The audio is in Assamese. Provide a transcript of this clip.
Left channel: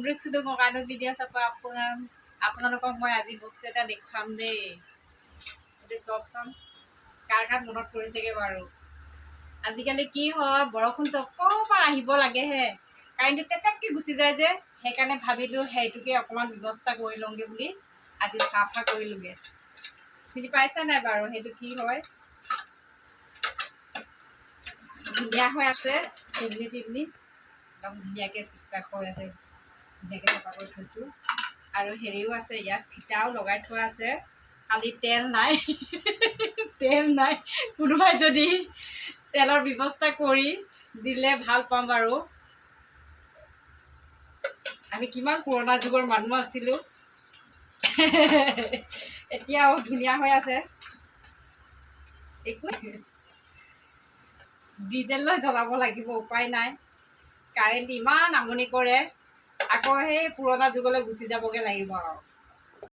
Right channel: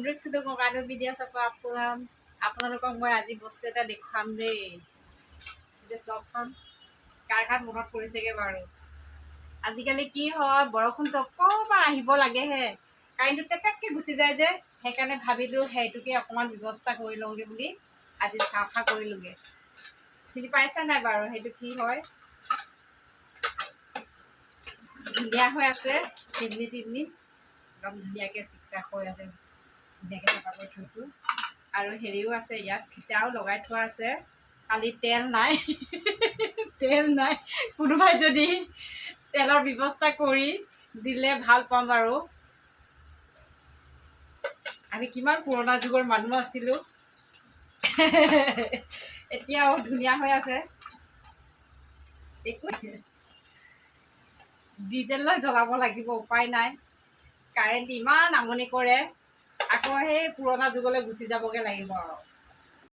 পুনৰুক্তি ককাইদেউ ভিডিঅ' চাব আপোনালোকক মই আজি বস্তু এটা দেখুৱাম দেই। এতিয়া চাওকচোন কাৰ কাৰ মনত পৰিছেগৈ বাৰু। আজিকালি কি হয়, বৰষুণটো অকণমান আহিব লাগেহে কাৰেণ্টটো টেপেককৈ গুচি যায় যে, সেইকাৰণে ভাবিলোঁ সেইটোকে অকণমান ব্যৱস্থা কৰি লওঁগৈ বুলি আজি চাফা কৰিলোঁগৈ। চিনি পাইছে নাই বাৰু সেইটো কি হয়? ধুনীয়া হৈ আছে চিমনি টিমনি একদম ধুনীয়াকৈ চিকচাক হৈ আছে, ধুনীয়াকৈ চাফা কৰি থৈছোঁ। আৰু হেৰিও আছে, ইয়াত ফিটাও লগাই থোৱা আছে, খালি তেল নাই তেল নাই। কোনোবাই যদি তেলৰ ব্যৱস্থা কৰি দিলে ভাল পাম আৰু। আমি কিমান পুৰণা যুগৰ মানুহ আছিলোঁ এতিয়াও ধুনীয়া হৈ আছে। একো ডিজেল লৈ জ্বলাব লাগিব, উপায় নাই। কাৰেণ্ট ইমান আমনি কৰে, আকৌ সেই পুৰণা যুগলৈ গুচি যাবগৈ লাগিব আৰু।